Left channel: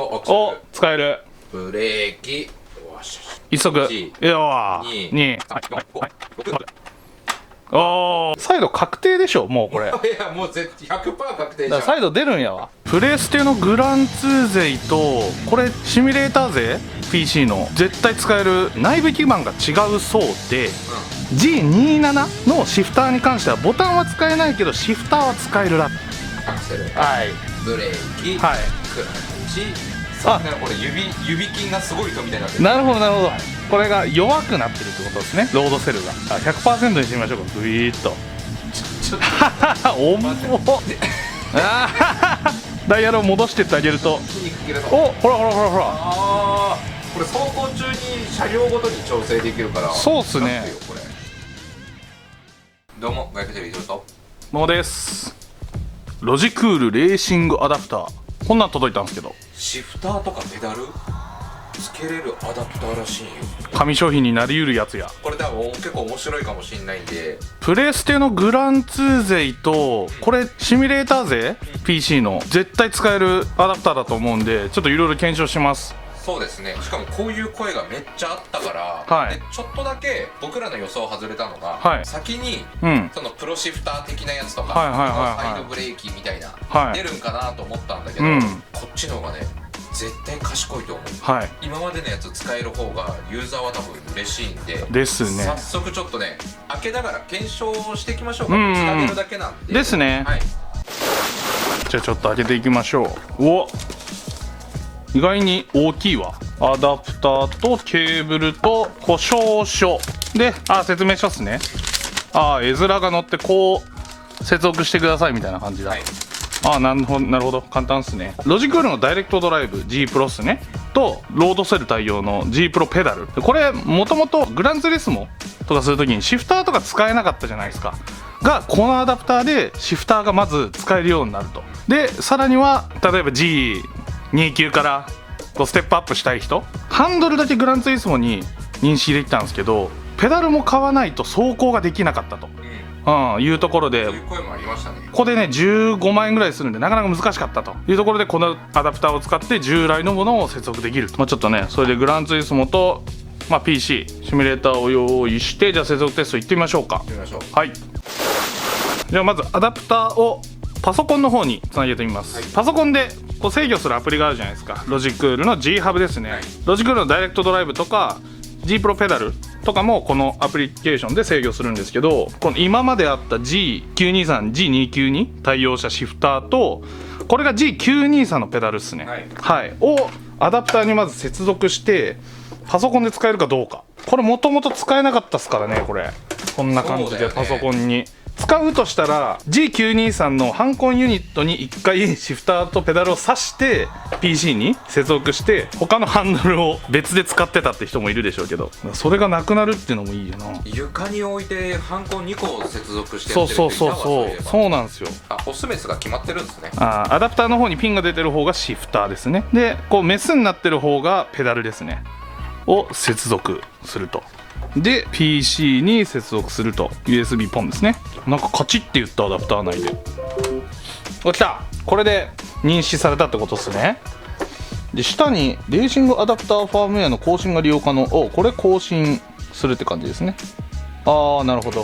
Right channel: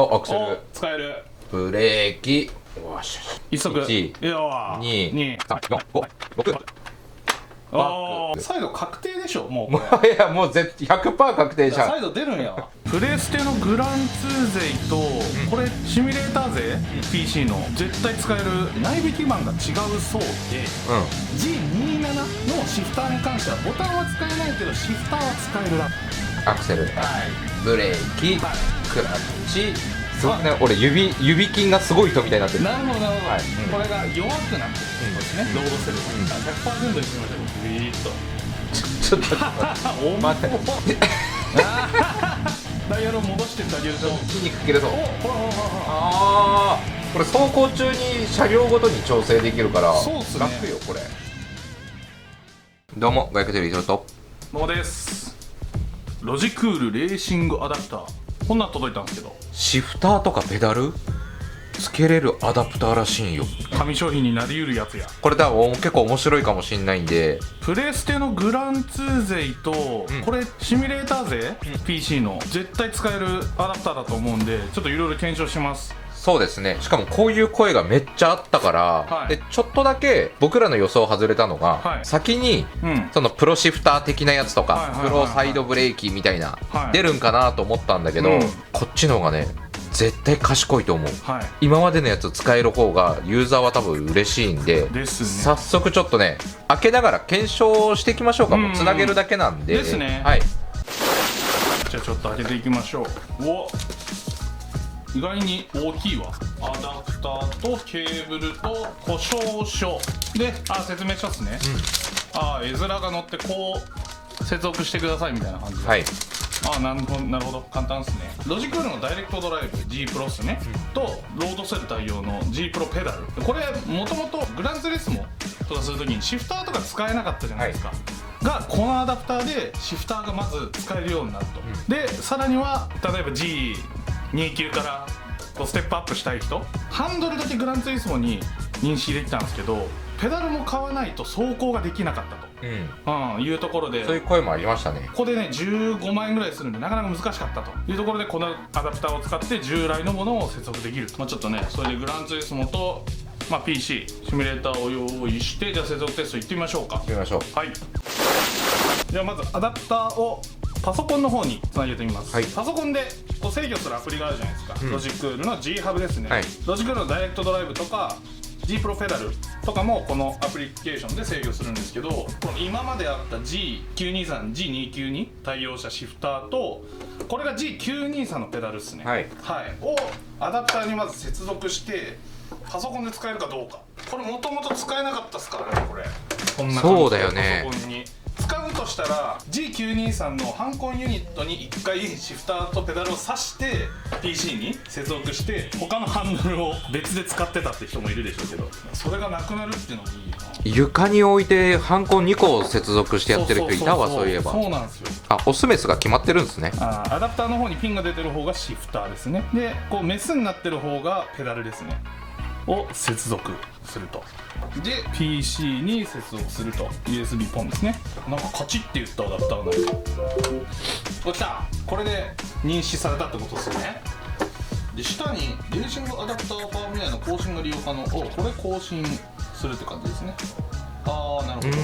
お、アクセお、ル。使える。ブレーキ。よし。一足。1、よー。2、2。 3、4、5、6。おー、サイド確定でしょ、もうこれ。いや、もう100%確定じゃん。サイド出るんやわ。プレステのグラン2勢とこれシミュレーター勢 PC の絶対使える内部基板が違うそうで、G27 のシフターに関してはボタンは使えないけどシフターは使えるらしい。アクセル。はいブレーキ。はい。クラッチ。そんな、俺指筋がすごい人みたいになってる。なるほどなるほど、これが弱くなってるってことですね、ロードセルが。100% にしてみましょうか。グイーッとちょっとおもダイヤルを戻してってあげると、筋肉切れそう。お、ほらほらほらほら。ああ、これ走行中に車両ごとに調整できるからそうっすね楽よこれ。どうも、バイクテレビヒロト。もうです。ロジクールレーシングアダプター、こんなん届いたんですけど、シフターとかペダルつけれるアダプターらしいんよ。紙商品になりうるやつや。これだから結構面白いかもしんないんで。プレステのグラン2勢と、これシミュレーター勢 PC の絶対使えるアダプターだと思うんで、ちょっといろいろ検証します。そうですね。しかもこういう声がめっちゃあったから、はいでちょっとだけ僕らの予想外れたのが、はい先にうんそのプロシフター的なやつとか、はいはいはいはいプロサイドブレーキみたいな、はい出るんかなと思ったんだけど、うんこっちの方がね絶対賢いと思う。はい今までのやつ使える方がユーザーは多分嬉しいんで、ですね。早速ちょっとね開けながら検証していきましょうか。もうつなげるだけなんでですねはい。じゃあちょっと開けていきましょう。お、意外に大きいわ。アダプターとケーブルと故障書で、説明書っすね。絵面が載ってこう接続してくださいみたいな感じで、はい。なるほどなるほど、簡単っすね。ロジクールのダイレクトドライブ G プロっすね、とロードセル対応の G プロペダル。これもともとグランツーリスモとかするときにシフターとか使えなかったじゃないですか、がこのアダプターでシフターがまず使えるようになると。でさらには例えば G29 からこうステップアップしたい人、ハンドルだけグランツーリスモに認識できたんですけど、ペダルも買わないと走行ができなかったと、いうところで、そういう声もありましたね。ここでね15万円ぐらいするんでなかなか難しかったというところで、このアダプターを使って従来のものを接続できると。ちょっとねそれでグランツーリスモと、PC シミュレーターを用意して、じゃあ接続テストいってみましょうか。行ってみましょう。はい、ではまずアダプターをパソコンの方につなげてみます、はいパソコンでこう制御するアプリがあるじゃないですか、ロジクールの G ハブですね、はいロジクールのダイレクトドライブとか G プロペダルとかもこのアプリケーションで制御するんですけど、この今まであった G923、G292 に対応したシフターと、これが G923 のペダルですね、をアダプターにまず接続してパソコンで使えるかどうか。これもともと使えなかったっすからね、これこんな感じそうだよねでパソコンに使うとしたら G923 のハンコンユニットに1回シフターとペダルを挿して PC に接続して他のハンドルを別で使ってたって人もいるでしょうけど、それがなくなるっていうのもいいよな。床に置いてハンコ2個接続してやってる人いたわ。そういえばそうなんですよ。オスメスが決まってるんですね。アダプターの方にピンが出てる方がシフターですね。でこうメスになってる方がペダルですねを接続すると。で PC に接続すると USB ポンですね。なんかカチッて言ったアダプター内で来た。これで認識されたってことですね。で下にレーシングアダプターファームウェアの更新が利用可能。これ更新するって感じですね。なるほど。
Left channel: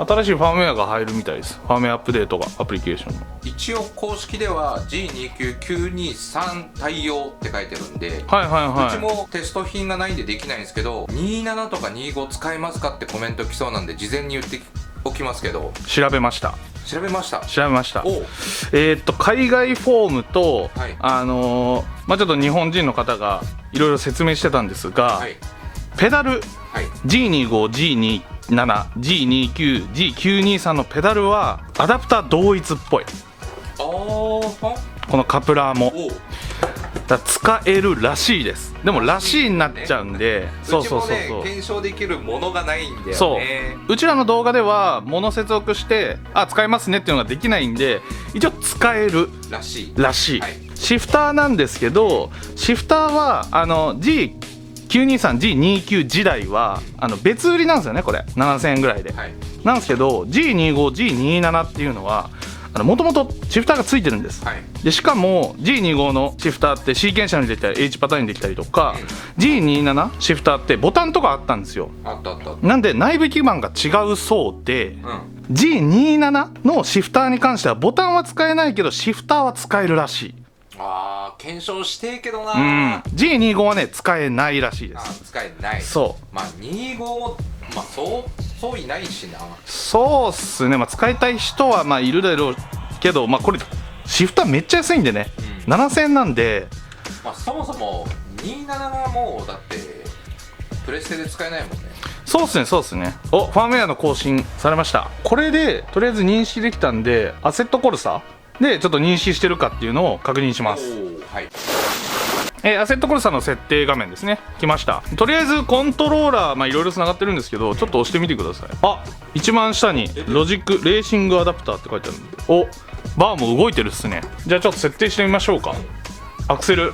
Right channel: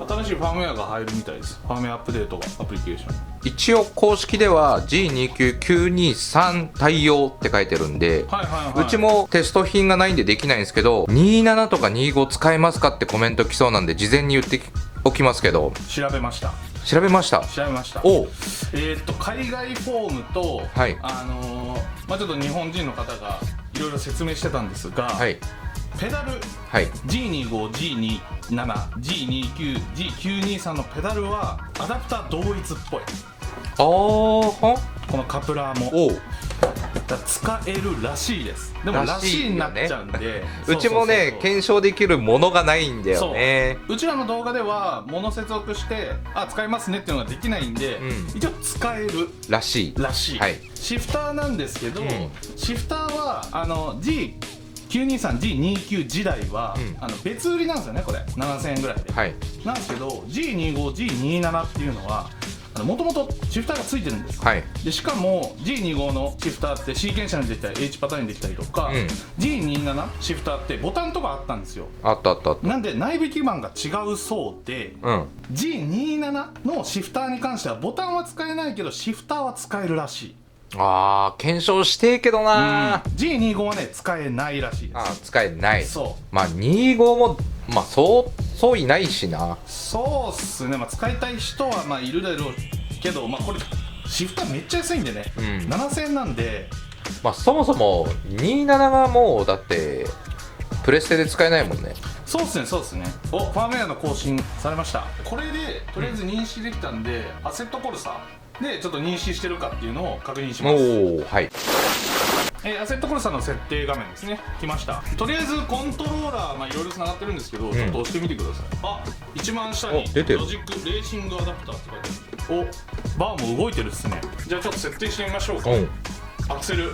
新しいファームウェアが入るみたいです。ファームウェアアップデートがアプリケーション。一応公式では G29923 対応って書いてるんで、うちもテスト品がないんでできないんですけど、27とか25使えますかってコメント来そうなんで事前に言っておきますけど。調べました。調べました。海外フォームと、はい、ちょっと日本人の方がいろいろ説明してたんですが、はい、ペダル、はい、G25、G27、G29、G923 のペダルはアダプター同一っぽい。このカプラーも使えるらしいです。でもらしいになっちゃうんで、うちもね検証できるものがないんだよね。うちらの動画では物接続して使えますねっていうのができないんで、一応使えるらしい。シフターなんですけど、シフターはG923、G29 時代は別売りなんですよね。これ7000円ぐらいで、なんですけど G25、G27 っていうのはもともとシフターがついてるんです、はい。でしかも G25 のシフターってシーケンシャルにできたり H パターンにできたりとか、G27 シフターってボタンとかあったんですよ。あったあったあった。なんで内部基板が違うそうで、うん。 G27 のシフターに関してはボタンは使えないけどシフターは使えるらしい。あー、検証してえけどなー。G25 はね使えないらしいであす。ー、使えない。そうまあ25もまあそういないしな。そうっすね、まあ、使いたい人はまあいるだろうけど、まあ、これシフターめっちゃ安いんでね、7000円なんで。まあそもそも27がもうだってプレステで使えないもんね。そうっすねそうっすね。ファームウェアの更新されました。これでとりあえず認識できたんでアセットコルサでちょっと認識してるかっていうのを確認します。はい。アセットコルサの設定画面ですね、来ました。とりあえずコントローラーいろいろつながってるんですけど、ちょっと押してみてください。あ、一番下に出てるロジックレーシングアダプターって書いてある。お、バーも動いてるっすね。じゃあちょっと設定してみましょうか。アクセル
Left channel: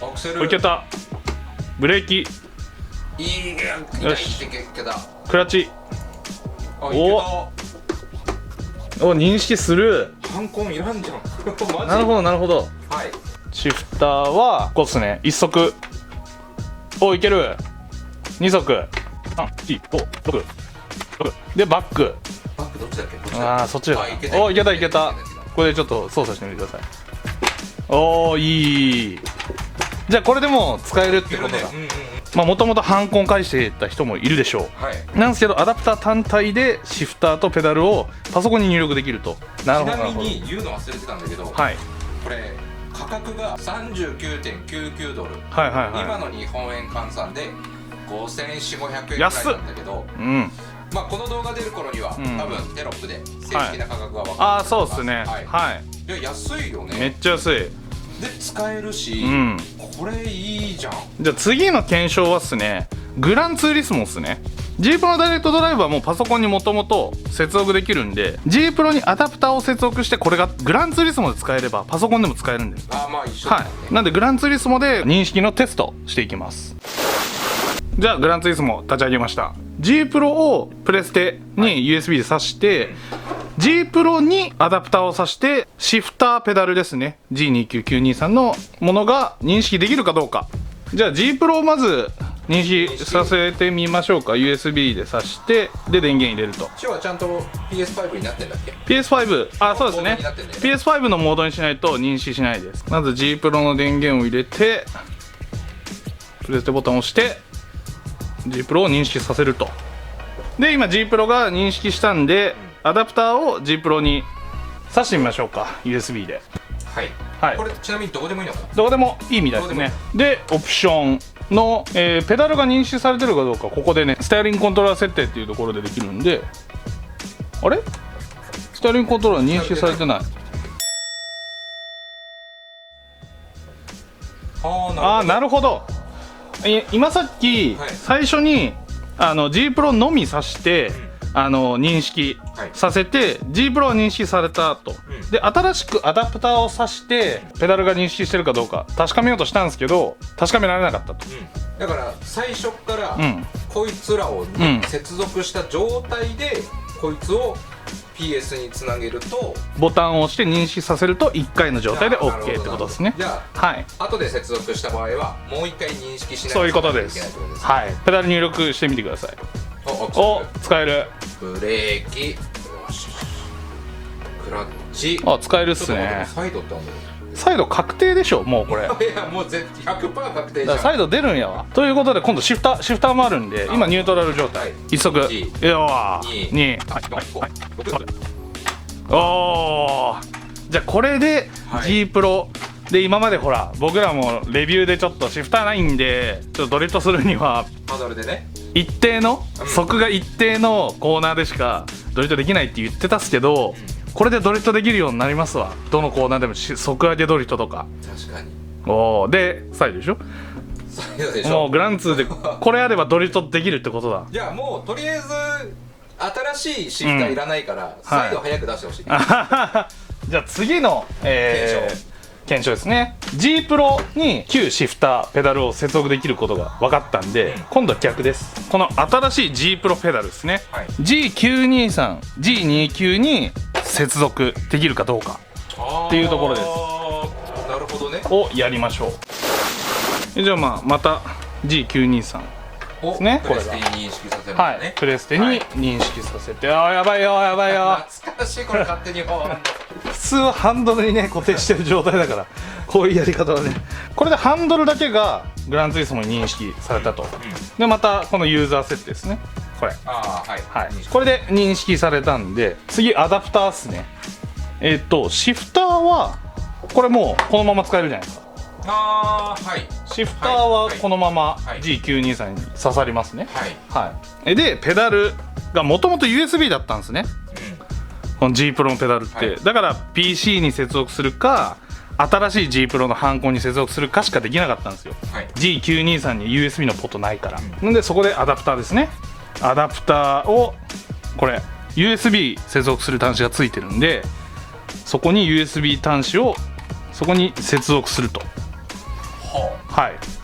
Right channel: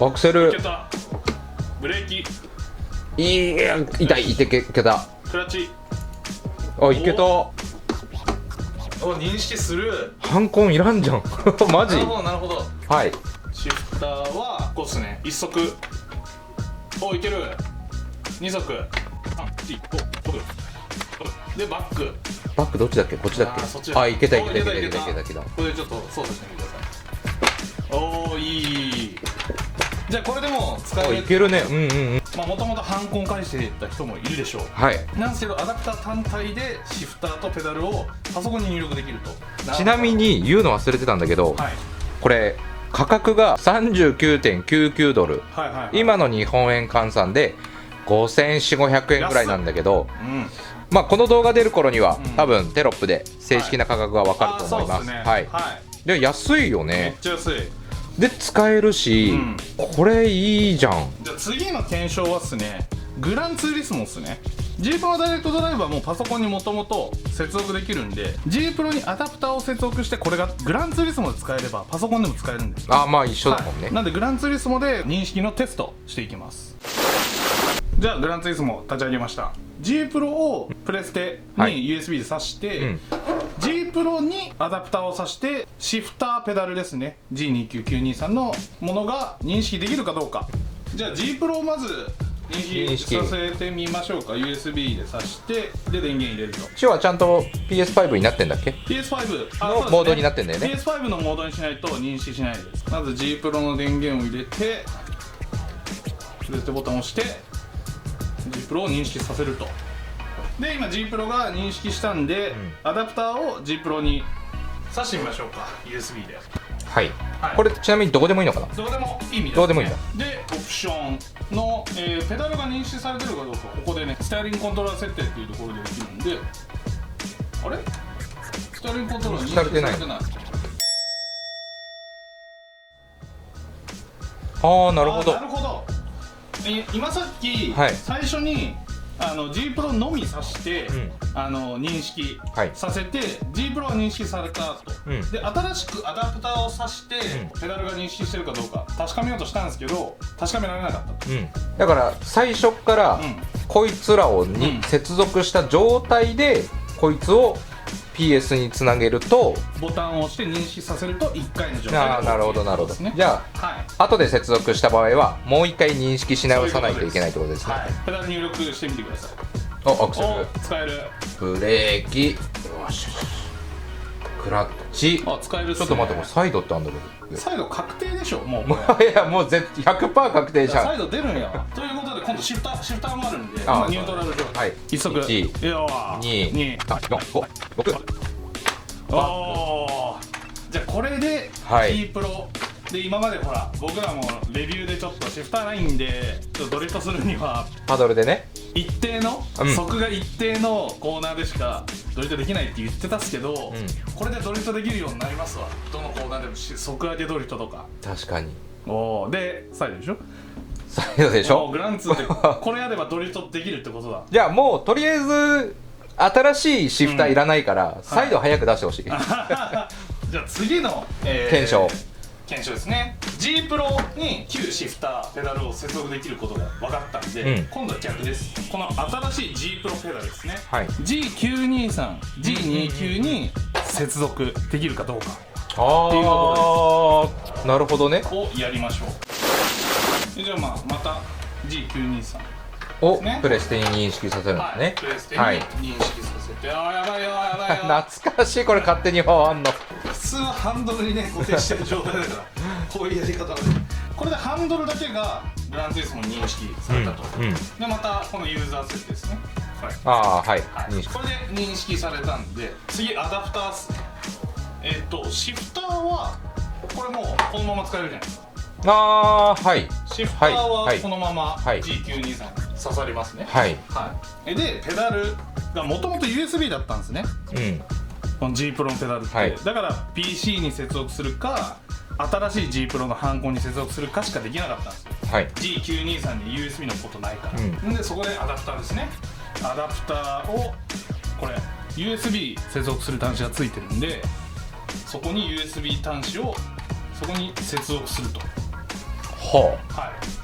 アクセルいけた。ブレーキいや痛いいけた。クラッチあ、いけた。認識する。ハンコンいらんじゃん。マジ。なるほどなるほど。はい。シフターはこうっすね。1足いける。2足345でバック。バックどっちだっけ？こっちだっけ？そっち。あ、いけたいけた。これでちょっと操作してみてください。おー、いい。じゃあこれでも使える。いけるね。まあもともとハンコン返してた人もいるでしょう。はい。なんですけどアダプター単体でシフターとペダルをパソコンに入力できると。ちなみに言うの忘れてたんだけど、はいこれ価格が39.99ドル、はいはいはい、今の日本円換算で5400-500円くらいなんだけど、まあこの動画出る頃には、多分テロップで正式な価格が分かると思います。そうですね。はい。で安いよね。めっちゃ安い。で使えるし、これいいじゃん。じゃあ次の検証はっすね、グランツーリスモっすね。G プロダイレクトドライブはもうパソコンにもともと接続できるんで G プロにアダプターを接続してこれがグランツーリスモで使えればパソコンでも使えるんです。あ、まあ一緒だもんね。なんでグランツーリスモで認識のテストしていきます。じゃあグランツーリスモ立ち上げました。 G プロをプレステに USB で挿して、G プロにアダプターを挿してシフターペダルですね G29923 のものが認識できるかどうか。じゃあ G プロをまず認識させてみましょうか。 USB で挿してで電源入れると。チはちゃんと PS5 になってんだっけ？ PS5 そうですね、モードになってんだよね。 PS5 のモードにしないと認識しないです。まず G プロの電源を入れてプレステボタンを押して G プロを認識させると。で今 G プロが認識したんで、アダプターを G プロに挿してみましょうか USB で。はい、これちなみにどこでもいいのかな？どこでもいいみたいですね。どこでもいいでオプションの、ペダルが認識されてるかどうかここでねスタイリングコントローラー設定っていうところでできるんで、あれスタイリングコントローラー認識されてない。なるほど。今さっき、最初にG プロのみ挿して、認識させて、G プロは認識された後、で新しくアダプターを挿して、ペダルが認識してるかどうか確かめようとしたんですけど確かめられなかったと。だから最初からこいつらを接続した状態でこいつを PS につなげるとボタンを押して認識させると1回の状態で OK ってことですね。じゃあ、後で接続した場合はもう1回認識し直さないといけないってことですね。ペダル入力してみてください。アクセル使える。ブレーキクラッチ使えるっすね。ちょっと待って、サイドってあるんだろう。サイド確定でしょもうこれ。いやもう100% 確定じゃん。サイド出るんやわ。ということで今度シフターもあるんで今ニュートラル状態。1足2 おお。じゃあこれで G プロで今までほら僕らもレビューでちょっとシフターないんでちょっとドリフトするにはパドルでね一定の速が一定のコーナーでしかドリフトできないって言ってたっすけど、これでドリフトできるようになりますわ。どのコーナーでも速上げドリフトとか。確かに。でサイドでしょ。サイドでしょ。もうグランツーでこれあればドリフトできるってことだ。じゃあもうとりあえず新しいシフターいらないから、サイド早く出してほしい。じゃあ次の、検証ですね。 G プロに旧シフターペダルを接続できることが分かったんで、今度は逆です。この新しい G プロペダルですね、G923、G29 に接続できるかどうかっていうところです。なるほどね。をやりましょう。じゃあまた G923をですね、プレステに認識させるんですね。プレステに認識させて、やばいよやばいよ懐かしい、これ勝手に回んの。普通はハンドルにね固定してる状態だからこういうやり方はね、これでハンドルだけがグランツーリスモに認識されたと、でまたこのユーザー設定ですね、これこれで認識されたんで、次アダプターっすね。シフターはこれもうこのまま使えるじゃないですか。シフターはこのまま G923 に刺さりますね。でペダルがもともと USB だったんですね、この G プロのペダルって、だから PC に接続するか新しい G プロのハンコに接続するかしかできなかったんですよ、G923 に USB のポートないから、なんでそこでアダプターですね。アダプターをこれ USB 接続する端子がついてるんで、そこに USB 端子をそこに接続すると。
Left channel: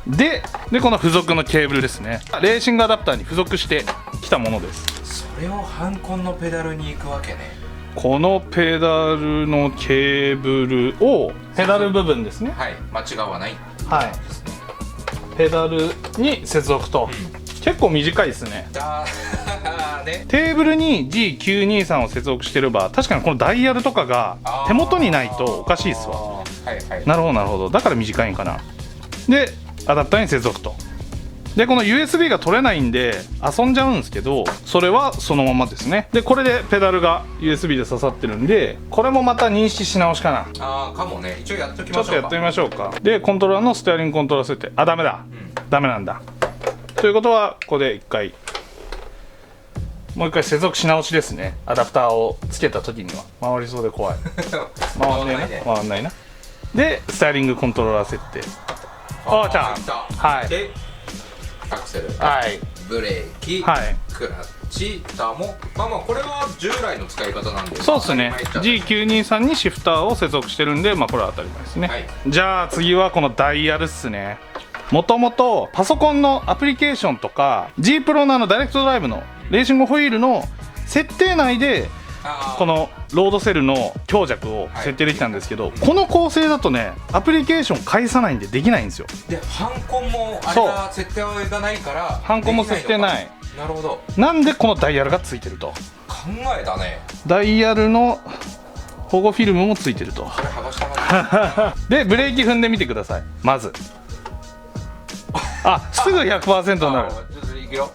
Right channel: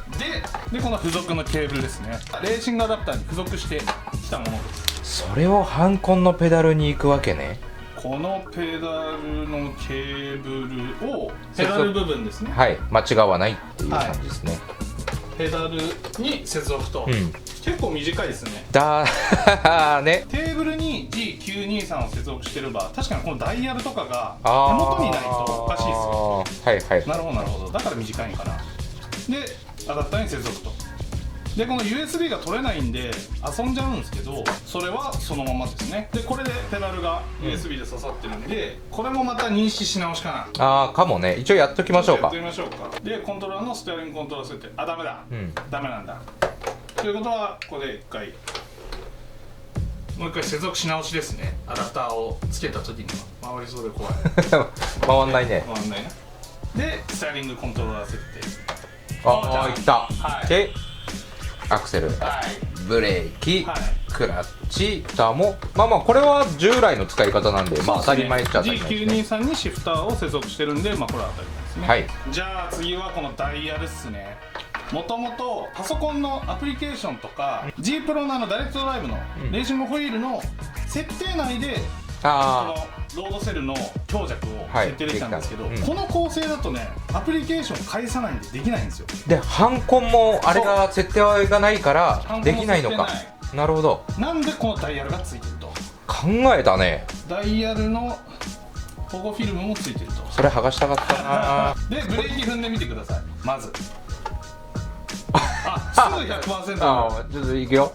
でこの付属のケーブルですね、レーシングアダプターに付属してきたものです。それをハンコンのペダルに行くわけね。このペダルのケーブルをペダル部分ですね、間違わないっていう感じですね、ペダルに接続と、結構短いですね。テーブルに G923 を接続してれば確かにこのダイヤルとかが手元にないとおかしいですよ。なるほどなるほど、だから短いんかな。でアダプターに接続と。でこの USB が取れないんで遊んじゃうんですけど、それはそのままですね。でこれでペダルが USB で刺さってるんで、これもまた認識し直しかな。かもね。一応やっときましょうか。やってみましょうか。でコントローラーのステアリングコントローラー設定、ダメだ、ダメなんだ。ということはここでもう一回接続し直しですね。アダプターをつけた時には回りそうで怖い回んないね。回んないな。でステアリングコントローラー設定、じゃあいった。でアクセル、ブレーキ、クラッチターもこれは従来の使い方なんで当たり前っちゃ当たり前ですね。G923 にシフターを接続してるんで、これは当たり前ですね。じゃあ次はこのダイヤルっすね。もともとパソコンのアプリケーションとか G プロのダイレクトドライブのレーシングホイールの設定内でこのロードセルの強弱を設定できたんですけど、この構成だとねアプリケーション返さないんでできないんですよ。でハンコンもあれが設定がないからできないのか。なるほど。なんでこのダイヤルがついてると。考えたね。ダイヤルの保護フィルムもついてると。それ剥がしたかったなでブレーキ踏んでみてください。まずすぐ 100% になる。ちょっといくよ。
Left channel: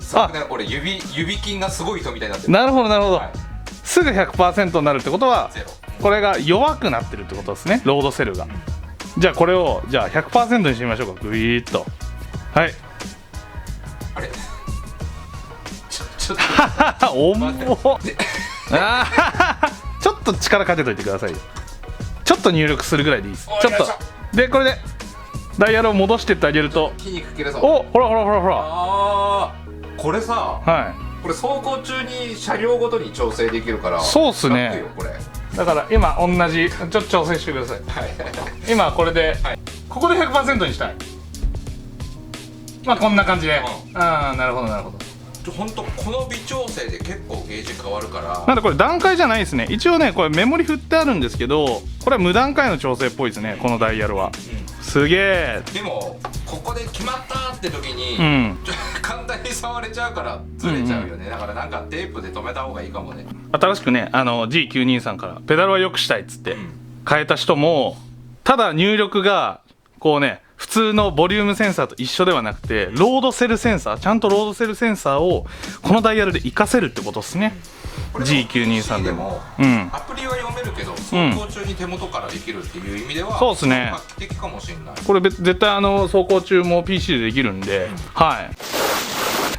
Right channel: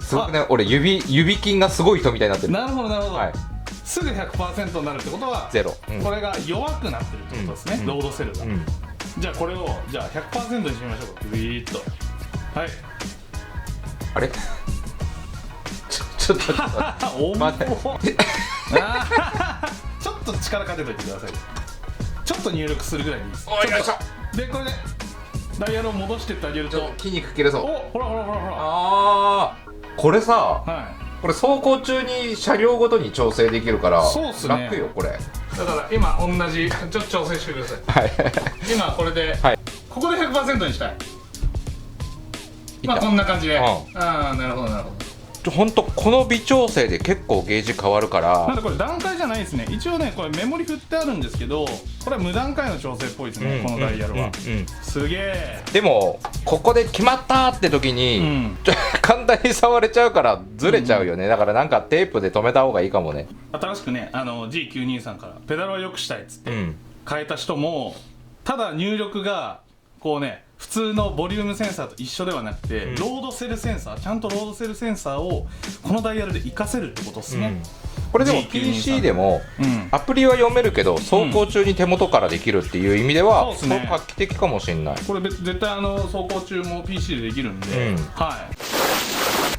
すごくね、俺指筋がすごい人みたいになってる。なるほどなるほど、すぐ 100% になるってことはゼロ、これが弱くなってるってことですね、ロードセルが、じゃあこれを100% にしてみましょうか。グイーッと。あれちょっと重っちょっと力かけといてくださいよ。ちょっと入力するぐらいでいいです。ちょっとでこれでダイヤルを戻してってあげると筋肉切れそう。ほらこれさ、これ走行中に車両ごとに調整できるからそうっすね。楽よこれ。だから今同じちょっと調整してください。今これで、ここで 100% にしたい。こんな感じで、なるほどなるほど。本当この微調整で結構ゲージ変わるから。なんでこれ段階じゃないですね。一応ねこれメモリ振ってあるんですけど、これは無段階の調整っぽいですね、このダイヤルは。すげえ。でもここで決まったって時に、簡単に触れちゃうからずれちゃうよね。だからなんかテープで止めた方がいいかもね。新しくねG923 からペダルは良くしたいっつって変えた人も、ただ入力がこうね普通のボリュームセンサーと一緒ではなくて、ロードセルセンサー、ちゃんとロードセルセンサーをこのダイヤルで活かせるってことですね。これでも PC でもアプリは読めるけど走行中に手元からできるっていう意味では画期的かもしれない。これ絶対走行中も PC でできるんで、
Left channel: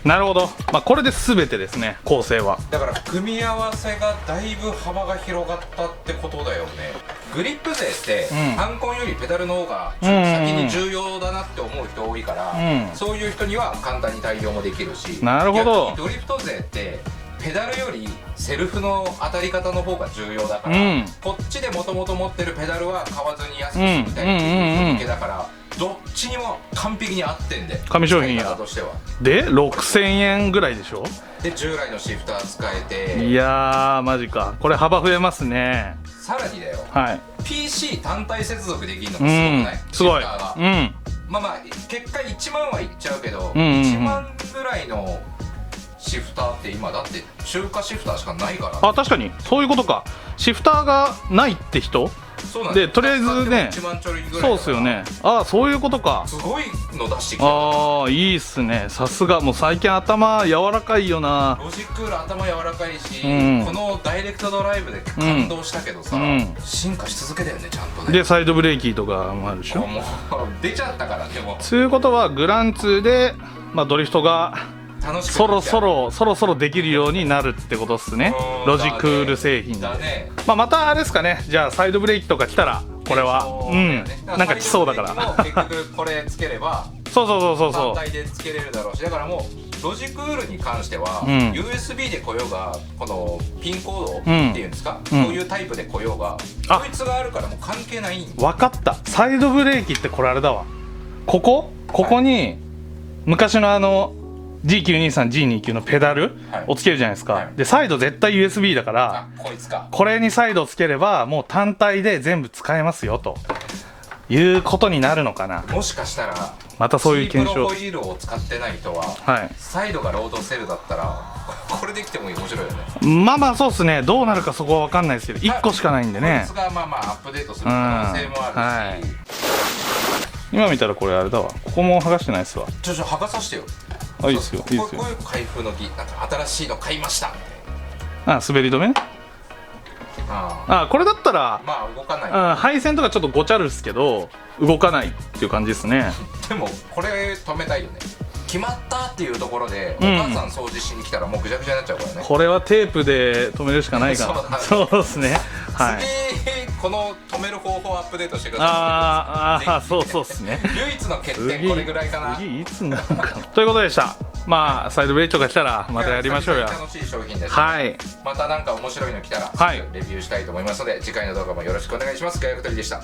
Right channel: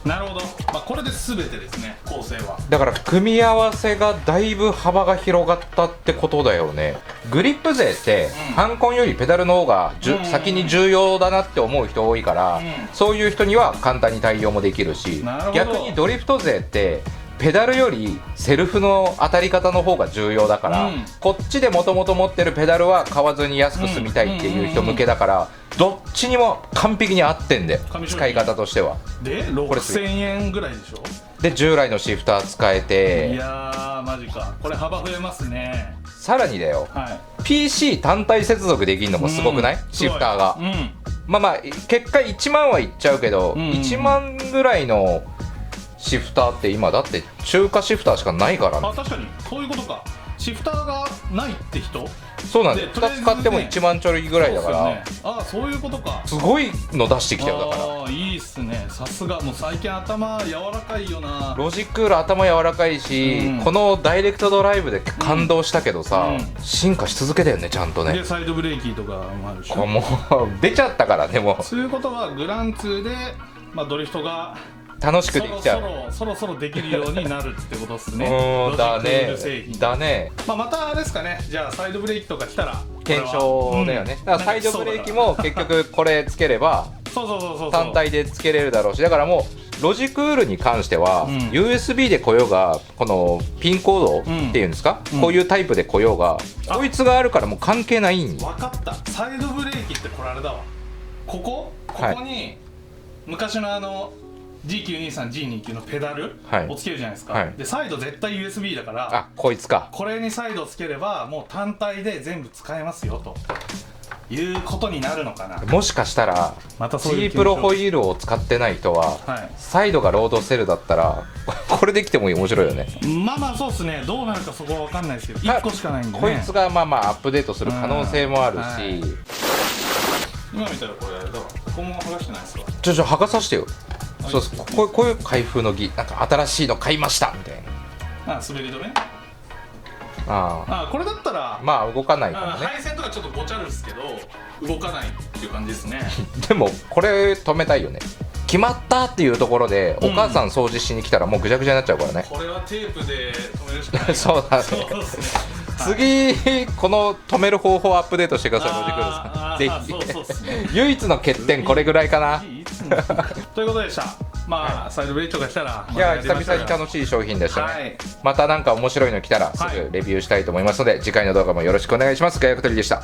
なるほど。これで全てですね、構成は。だから組み合わせがだいぶ幅が広がったってことだよね。グリップ勢ってハンコンよりペダルの方が先に重要だなって思う人多いから、そういう人には簡単に対応もできるし、逆にドリフト勢ってペダルよりセルフの当たり方の方が重要だから、こっちでもともと持ってるペダルは買わずに安く済みたいっていう人向けだから、どっちにも完璧に合ってんで、使い紙商品や方としては。で6000円ぐらいでしょ。で従来のシフター使えいて、やーマジか、これ幅増えますね。さらにだよ、はい。 PC 単体接続できるのもすごくない、シフターが。まあ結果1万はいっちゃうけど、1万ぐらいのシフターって今だって中華シフターしかないからね。あ、確かにそういうことか。シフターがないって人そうなんで、とりあえずね使っても1万ちょいぐらいだから、そうですよね。ああ、そういうことか。すごいの出してきてるんだから。ああ、いいっすね。さすが。もう最近頭柔らかいよな。ロジックール頭柔らかいし、このダイレクトドライブで感動したけどさ、進化し続けたよね、ちゃんとね。でサイドブレーキとかもあるし、もう出ちゃったからね、もう。そういうことはグラン2で、ドリフトが楽しくできちゃう。そろそろできるようになるってことっすね。ロジックール製品だね。またあれですかね。じゃあサイドブレーキとか来たらこれ検は証だよね。だからサイドブレーキも結局これつければそう単体でつけれるだろうし、だからもうロジクールに関しては、USB で来ようがこのピンコードっていうんですか、こういうタイプで来ようが、こいつがあるからもう関係ないん。分かった。サイドブレーキってこれあれだわ。ここに昔のG923、G29 のペダルをつけるじゃないですか、でサイド絶対 USB だから、あ、こいつか。これにサイドをつければもう単体で全部使えますよということになるのかな。もしかしたらまたそういう G プロホイールを使ってない人は、サイドがロードセルだったらこれできても面白いよね。そうっすね。どうなるかそこは分かんないですけど、1個しかないんでね。こいつがアップデートする可能性もあるし、今見たらこれあれだわ。ここも剥がしてないっすわ。剥がさせてよ。いいですよ。こういう開封の儀、なんか新しいの買いましたみたいな。滑り止めね。これだったら動かない、配線とかちょっとごちゃるっすけど動かないっていう感じですね。でもこれ止めたいよね。決まったっていうところで、お母さん掃除しに来たらもうぐちゃぐちゃになっちゃうからね。これはテープで止めるしかないからそうですね。次この止める方法をアップデートしてください。ぜひ。そうですね。唯一の欠点これぐらいかな。ということでした。サイドブレーキとかしたらいや、久々に楽しい商品でしたね。またなんか面白いの来たらすぐレビューしたいと思いますので、次回の動画もよろしくお願いします。ガヤクトリでした。